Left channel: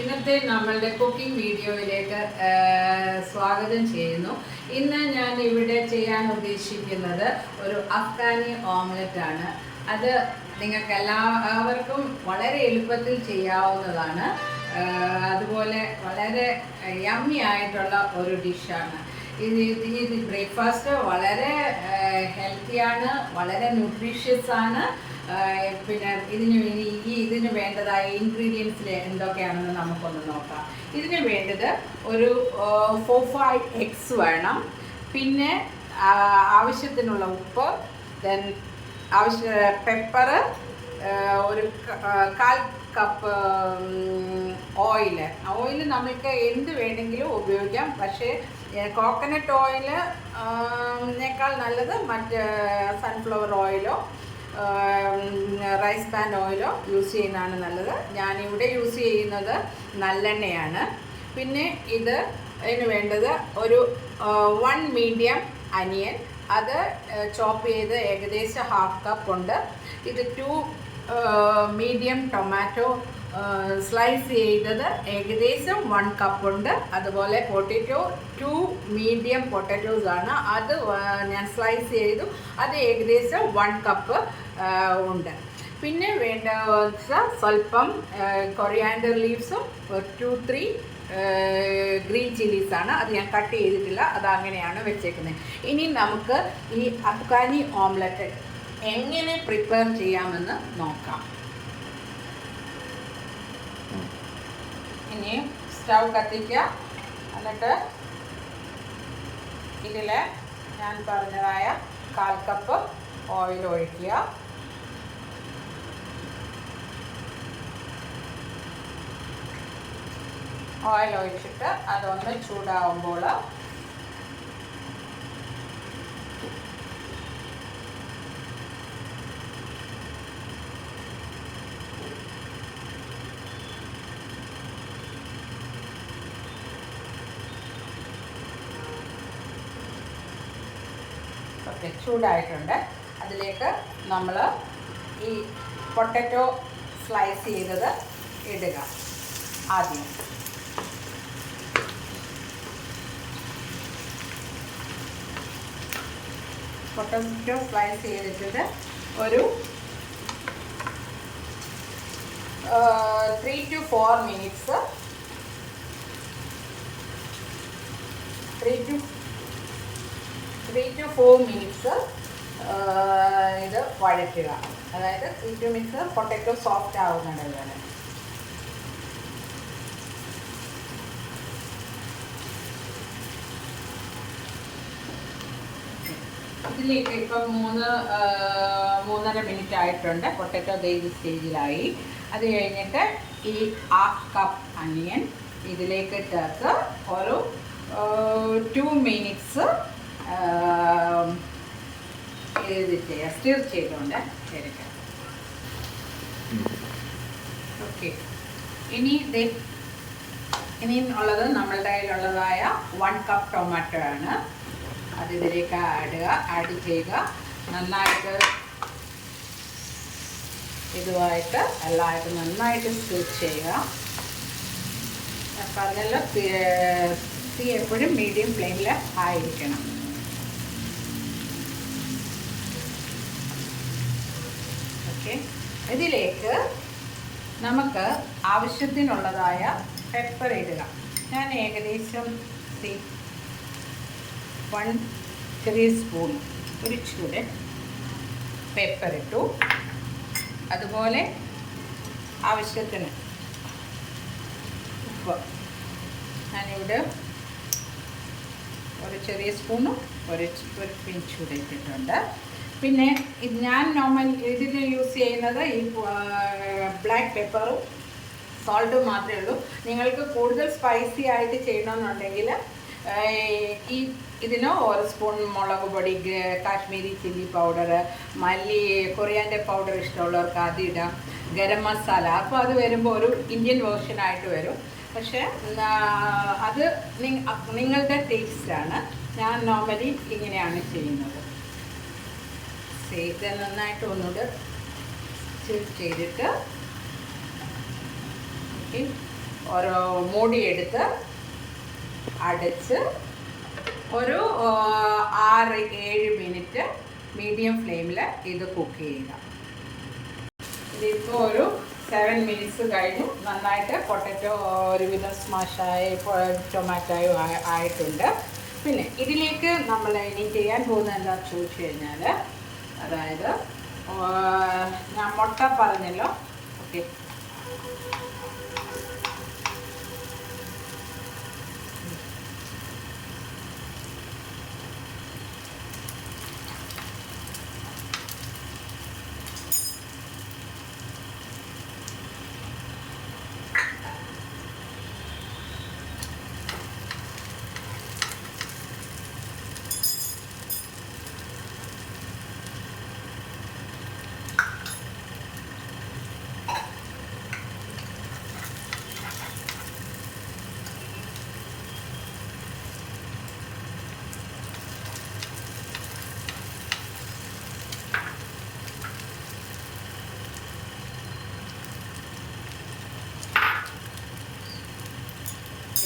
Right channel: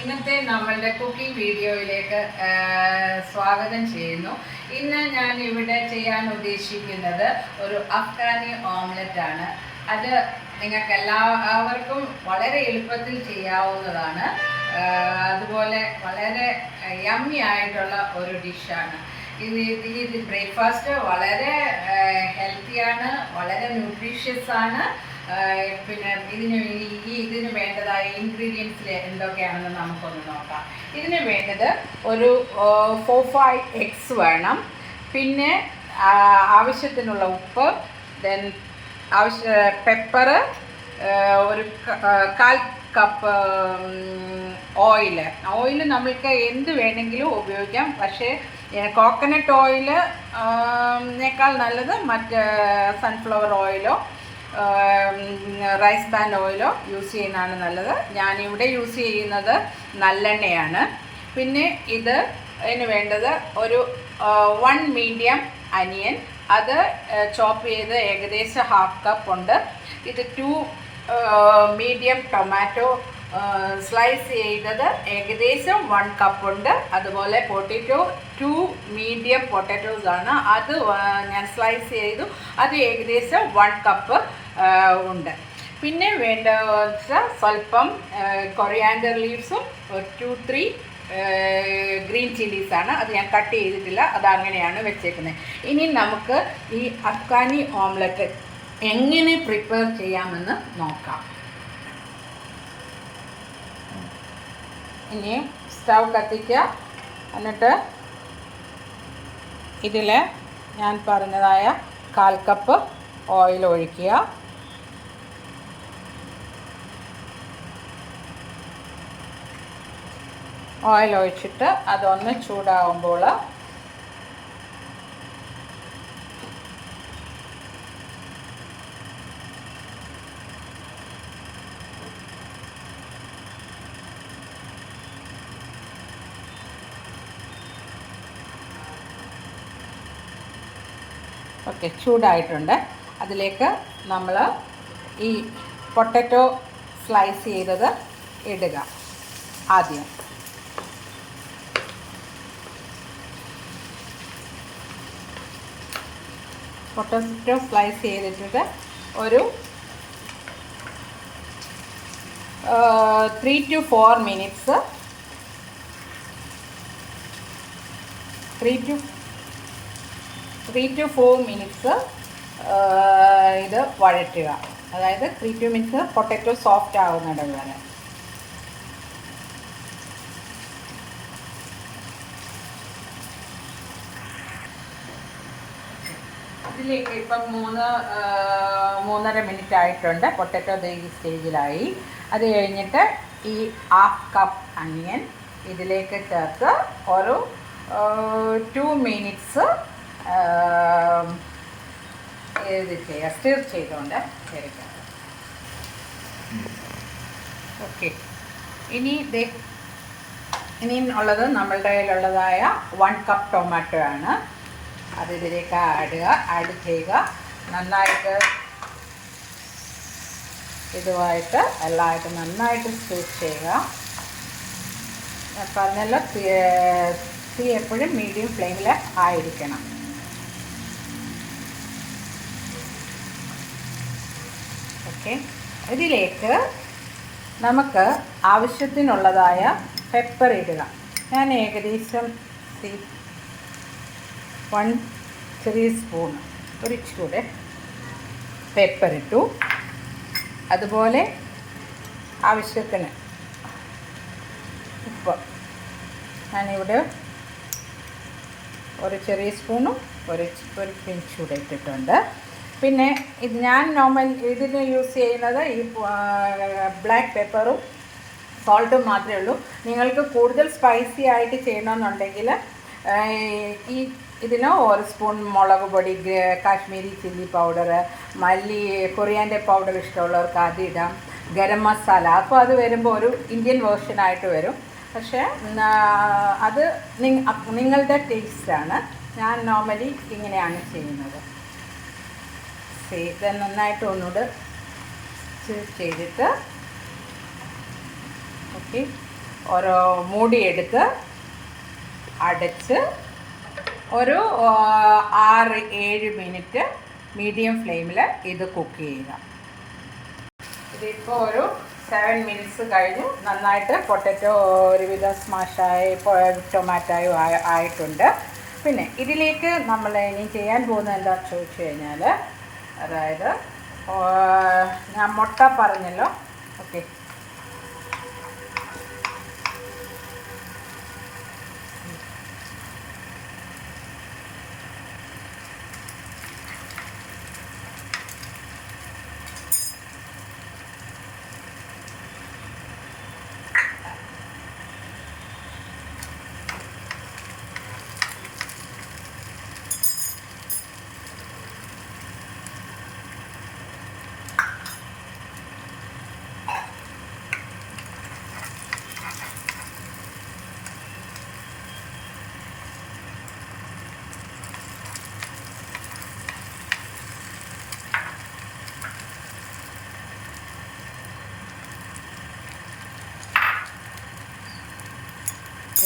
ഇന്നത്തെ നമ്മളുടെ കുക്കിംഗ് വീഡിയോയിലേക്ക് സ്വാഗതം ചെയ്യുന്നു. ഇന്ന് ഞാൻ ഇവിടെ ചെയ്യാൻ ഉദ്ദേശിക്കുന്നത് ഒരു അഫ്ഗാനി ഓംലെറ്റ് ആണ്. അത് നിങ്ങൾക്ക് എല്ലാവർക്കും വളരെ എളുപ്പത്തിൽ ചെയ്യാവുന്നതാണ്. അതുപോലെ വളരെ യമ്മി ആയിട്ടുള്ള ഒരു ഡിഷാണ് ഇത് ഇത് ബ്രേക്ക്ഫാസ്റ്റ് വളരെ ഹെൽത്തിയാണ് വളരെ ന്യൂട്രീഷ്യസ് ആണ്. പിന്നെ ഇതിന് ഈ ഇതിന് വേണ്ടതായ ഇൻഗ്രീഡിയൻസിൽ എന്തൊക്കെയാണെന്ന് നമുക്കൊന്ന് നോക്കാം. ഇതിന് വേണ്ടത് ഒരു ഫോർ ഫൈവ് എഗ്സ് വേണം. പിന്നെ ആവശ്യത്തിനുള്ള ഉപ്പ് ദെൻ ആവശ്യ പെപ്പർ ഒരു കാൽ കപ്പ് ഓയിൽ ഓയിൽ നമ്മൾക്ക് എന്ത് വേണമെങ്കിലും ഉപയോഗിക്കാം. പക്ഷേ കോക്കനട്ട് ഓയിൽ നേക്കാൾ നല്ലത് മറ്റ് സൺഫ്ലവർ ഓയിലോ റൈസ് പാൻ ഓയിലോ യൂസ് ചെയ്യുന്നതാണ് നല്ലത്. ഞാനിവിടെ യൂസ് ചെയ്യുന്നത് നല്ലെണ്ണയാണ്. പിന്നെ ഇത് അതിന് വേണ്ടത് ഒരു വൺ മീഡിയം അനിയൻ അത് ചോപ്പ് ചെയ്ത് ഏകദേശം ഹാഫ് കപ്പ് ഉണ്ട്. ഇത് ടു മീഡിയം ടൊമാറ്റോ സ്ലൈസ് ചെയ്തത് ഏകദേശം വൺ കപ്പ് ഉണ്ട്. അതുപോലെ പൊട്ടറ്റോ ടു മീഡിയം പൊട്ടറ്റോസ് ആണ്. അത് ഞാൻ സ്ലൈസ് ചെയ്തു. അത് ഏകദേശം വൺ കപ്പ് ഉണ്ട്. പിന്നെ വേണ്ട സ്വല്പം കൊറിയാൻഡർ ലീവ്സും ടു ത്രീ ഗ്രീൻ ചില്ലീസാണ് അത് ഞാൻ കട്ട് ചെയ്തിട്ടില്ല. അത് അങ്ങനെയാണ് വെച്ചേക്കുന്നത്. ഇനി നമുക്ക് ഈ അഫ്ഗാനി ഓംലെറ്റ് എങ്ങനെ പ്രിപ്പയർ ചെയ്യാമെന്ന് നോക്കാം. ഇനി സ്റ്റൗ കത്തിക്കുക. എന്നിട്ട് ഇതിൽ ഞാൻ പറഞ്ഞതായ കാൽ കപ്പ് ഓയിൽ ഒഴിക്കുക. ഓയിൽ ഒഴിച്ചിട്ട് അതൊന്ന് ചൂടാവുമ്പോൾ ഓക്കെ ചൂടായിട്ടുണ്ട് അതിലേക്ക് നമ്മൾ ഈ പൊട്ടറ്റോ സ്ലൈസ് ചെയ്തത് ഇടുക ആദ്യം. പൊട്ടറ്റോ സ്ലൈസ് ചെയ്തിട്ട് ഒരു three to four minutes three to three to four minutes ഇത് വഴറ്റുക. അതായത് three to minutes potato soft ആവുന്നിടമാണ് ഇതിലേക്ക് ഇപ്പം മൂന്ന് മൂന്നര മിനിറ്റ് ആയിട്ടുണ്ട്. പൊട്ടറ്റോ ഈ സ്റ്റേജിലായി അത് കഴിഞ്ഞിട്ട് ഈ ഹാഫ് കപ്പ് അനിയൻ ഇതിലേക്ക് ചേർത്ത് ഒരു ടു മിനിറ്റ്സ് ഇത് ചെയ്യാം സ്റ്റിർ ചെയ്തുകൊണ്ട് എടുക്കുക ഓക്കെ. ഇനി ഇനി ഉള്ളത് നമ്മളുടെ കയ്യിലുള്ളതായ വൺ കപ്പ് ടൊമാറ്റോ ആണ്. അത് ഇതിലേക്ക് ആഡ് ആഡ് ചെയ്യുക. നന്നായിട്ട് ഇതുമായിട്ട് എല്ലാമായിട്ട് നന്നായിട്ട് സ്റ്റൂട്ട് ചെയ്യുക. അപ്പം പറഞ്ഞല്ലോ തീ എപ്പോഴും മീഡിയം ഫ്ലെയിമിൽ ആയിരിക്കണം. ഓക്കെ. ഇതിലേക്ക് നമുക്ക് ആവശ്യത്തിനുള്ളതായ പെപ്പർ ഇടുക. ഞാൻ ഏകദേശം വൺ ത്രീ സ്പൂൺ ഒരു ചൂട് പെപ്പർ ഇട്ടു. അതുപോലെ ആവശ്യത്തിന് ഉപ്പ്. ഞാനിവിടെ ഒരു ചെറിയ സ്പൂണും ഒരു ഒരു പിഞ്ച് കൂടെ ഇട്ടിട്ടുണ്ട് പിന്നെ ഞാൻ നോർമൽ ഇതിന് യൂസ് ചെയ്യുന്നത് ഈ ബ്ലാക്ക് പെപ്പറും സോൾട്ടും മാത്രമേ ഉള്ളൂ. നിങ്ങൾക്ക് കൂടുതൽ സ്പൈസി ആയിട്ട് ചെയ്യണമെന്നുണ്ടെങ്കിൽ ഈ ഇതിന് ഒരു സ്പൂൺ മുളക് പൊടി കാശ്മീരി ചില്ലി പൗഡർ മല്ലി കൊറിയാന്റെ പൗഡർ ഇഷ്ടമുള്ളവർക്ക് അത് ഇടാം. ഗരം മസാല അപ്പോൾ അത് വരുമ്പോൾ ഒരു ഇന്ത്യൻ വേർഷനായിട്ട് വരും. പക്ഷേ അത് നിങ്ങളുടെ ടേസ്റ്റാണ് ഞാൻ നോർമലി ഇങ്ങനെയാണ് ചെയ്യുന്നത്. ഇത് നന്നായിട്ട് ഒന്നുകൂടെ ചെയ്തിട്ട് ഓക്കെ. ഒരു മൂടിയെടുത്ത് അടച്ച് ഒരു ആറ് ഏഴ് മിനിറ്റ് മീഡിയം ഫ്ലെയിമിൽ ഇത് കുക്ക് ചെയ്യുക. ഇതിപ്പോൾ ഒരു സെവൻ മിനിറ്റ്സ് കഴിഞ്ഞു. നന്നായിട്ട് പൊട്ടറ്റോ ഒരുവിധം സ്മാഷായി ടൊമാറ്റോയും ആയ- ആയിട്ടുണ്ട്. പിന്നെ ഇതിലേക്ക് നമ്മൾ ഇനി ചെയ്യാൻ പോകുന്നത് എന്താ ചോദിച്ചു കഴിഞ്ഞാൽ അതായത് ഞാൻ മുട്ട പറഞ്ഞല്ലോ. ഓക്കെ.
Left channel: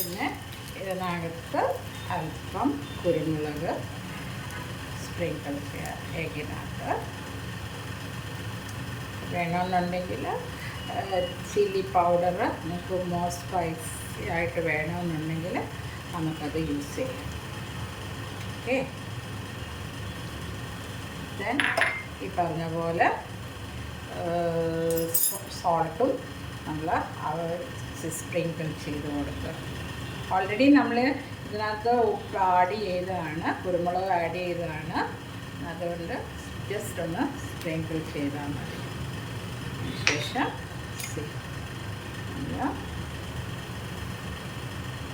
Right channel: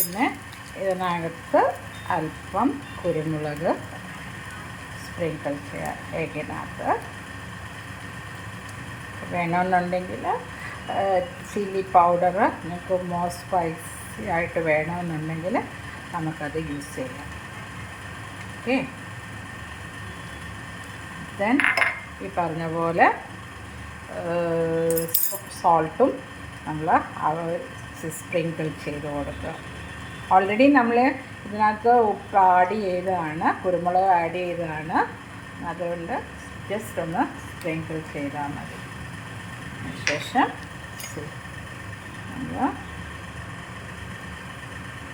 പിന്നെ ഇതിനകത്ത് അല്പം കുരുമുളക് സ്പ്രിങ്കിൾ ചെയ്യാം എഗ്ഗിനകത്ത്. വേണമെന്നുണ്ടെങ്കിൽ ചില്ലി പൗഡർ നമുക്ക് മോ സ്പൈസി ആയിട്ട് വേണമെന്നുണ്ടെങ്കിൽ നമുക്കത് യൂസ് ചെയ്യാം. ഓക്കെ ദെൻ ഈ പറഞ്ഞ പോലെ സോൾട്ടും നമ്മൾ സ്പ്രിങ്കിൾ ചെയ്ത് കൊടുക്കുക. ഓൾറെഡി നമ്മൾ ഇതിനകത്ത് ഉപ്പ് ആഡ് ചെയ്തതാണ് കുരുമുളക് ആഡ് ചെയ്തതാണ്. അതുകൊണ്ട് ജസ്റ്റ് ഒന്ന് സ്പ്രിങ്കിൾ ചെയ്താൽ മതി. ശേഷം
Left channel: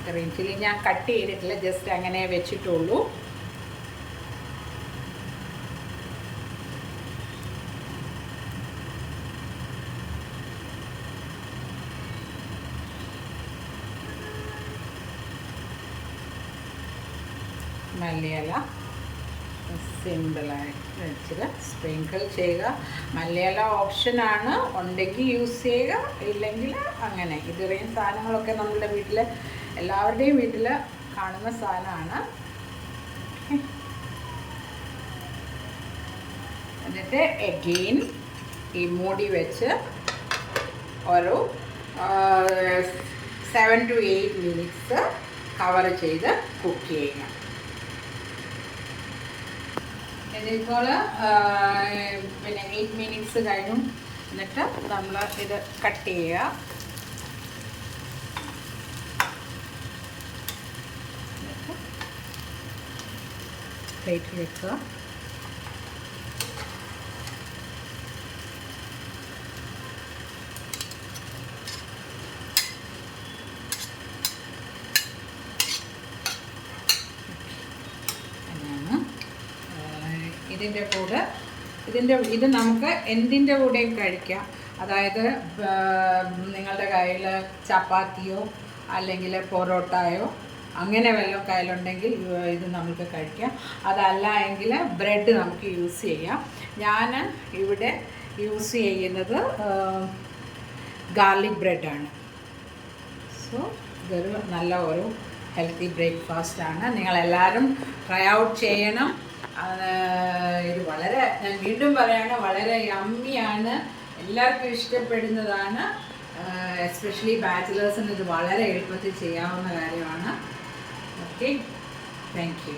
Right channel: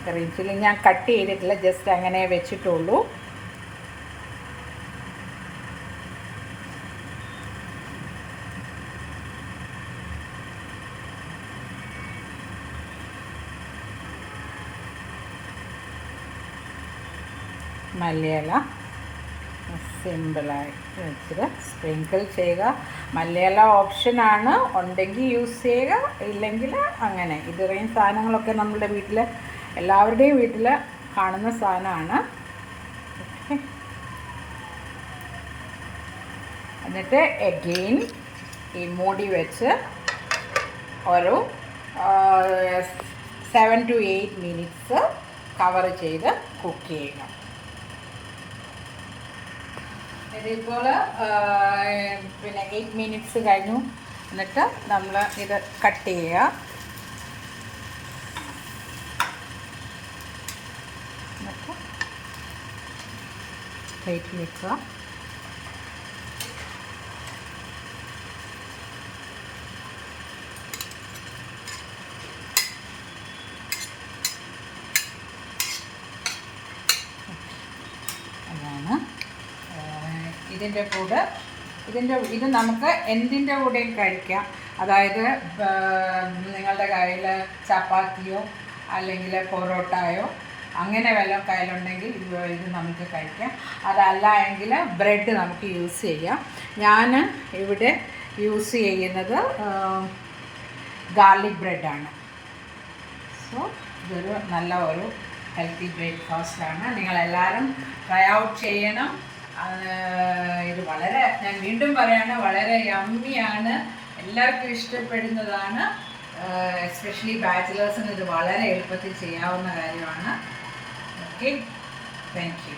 ഗ്രീൻ ചില്ലി ഞാൻ കട്ട് ചെയ്തിട്ടില്ല ജസ്റ്റ് അങ്ങനെ വെച്ചിട്ടുള്ളൂ. മല്ലിയില സിമ്പിളായിട്ട് വെച്ചിട്ട് സ്പ്രിങ്കിൾ ചെയ്യുക മല്ലിയില ഓപ്ഷനാണ്. ഉണ്ടെങ്കിൽ യൂസ് ചെയ്യുക ഇല്ലെങ്കിൽ അങ്ങനെ. ഇത്രയും സാധനങ്ങളൊക്കെ നമ്മുടെ വീട്ടിൽ എല്ലാവരുടെയും വീട്ടിൽ കാണുന്ന സാധനമാണ്. എന്നിട്ട് എഗെയിൻ ഈ മൂടി വെച്ച് ഒരു seven to eight minutes cover ചെയ്ത് കുക്ക് ചെയ്യണം ഇതിപ്പോൾ പിന്നെ എയ്റ്റ് മിനിറ്റ്സ് കഴിഞ്ഞു. എന്നിട്ട് നമ്മൾ ഇത് കട്ട് ചെയ്യുക. എന്നിട്ട് പ്ലേറ്റ് വെക്കുക. ഇതിന്റെ കൂടെ. ഇതിന്റെ ഇത് നമുക്ക് എന്തിന്റെ കൂടെയും കഴിക്കാം. അതായത് നിങ്ങളുടെ കയ്യിൽ ചപ്പാത്തിയോ അല്ലെങ്കിൽ പൊറോട്ടയോ അങ്ങനെ വല്ലതും കയ്യിലുണ്ടെങ്കിൽ ഇത് നമുക്ക് കഴിക്കാം. അതല്ല എങ്കിൽ ബ്രെഡ് നമുക്ക് യൂസ് ചെയ്യാം. ഞാൻ ഇവിടെ യൂസ് ചെയ്യുന്നത് ഗാർലിക് ബ്രെഡാണ്. സോ ഇതൊരു നല്ല ഒരു ഹെൽത്തി ബ്രേക്ക്ഫാസ്റ്റാണ്. നിങ്ങളെല്ലാവരും ട്രൈ ഔട്ട് ചെയ്യണം. ഇത് വളരെ ഞാൻ വീണ്ടും പറയാണ് വളരെ യമ്മിയാണ് എല്ലാവർക്കും ഇഷ്ടപ്പെടുന്നതാണ്. എസ്പെഷ്യലി ബാച്ചിലേഴ്സിന് ഇത് വളരെ എളുപ്പത്തിൽ ചെയ്യാവുന്ന കാര്യമാണ്. Okay thank you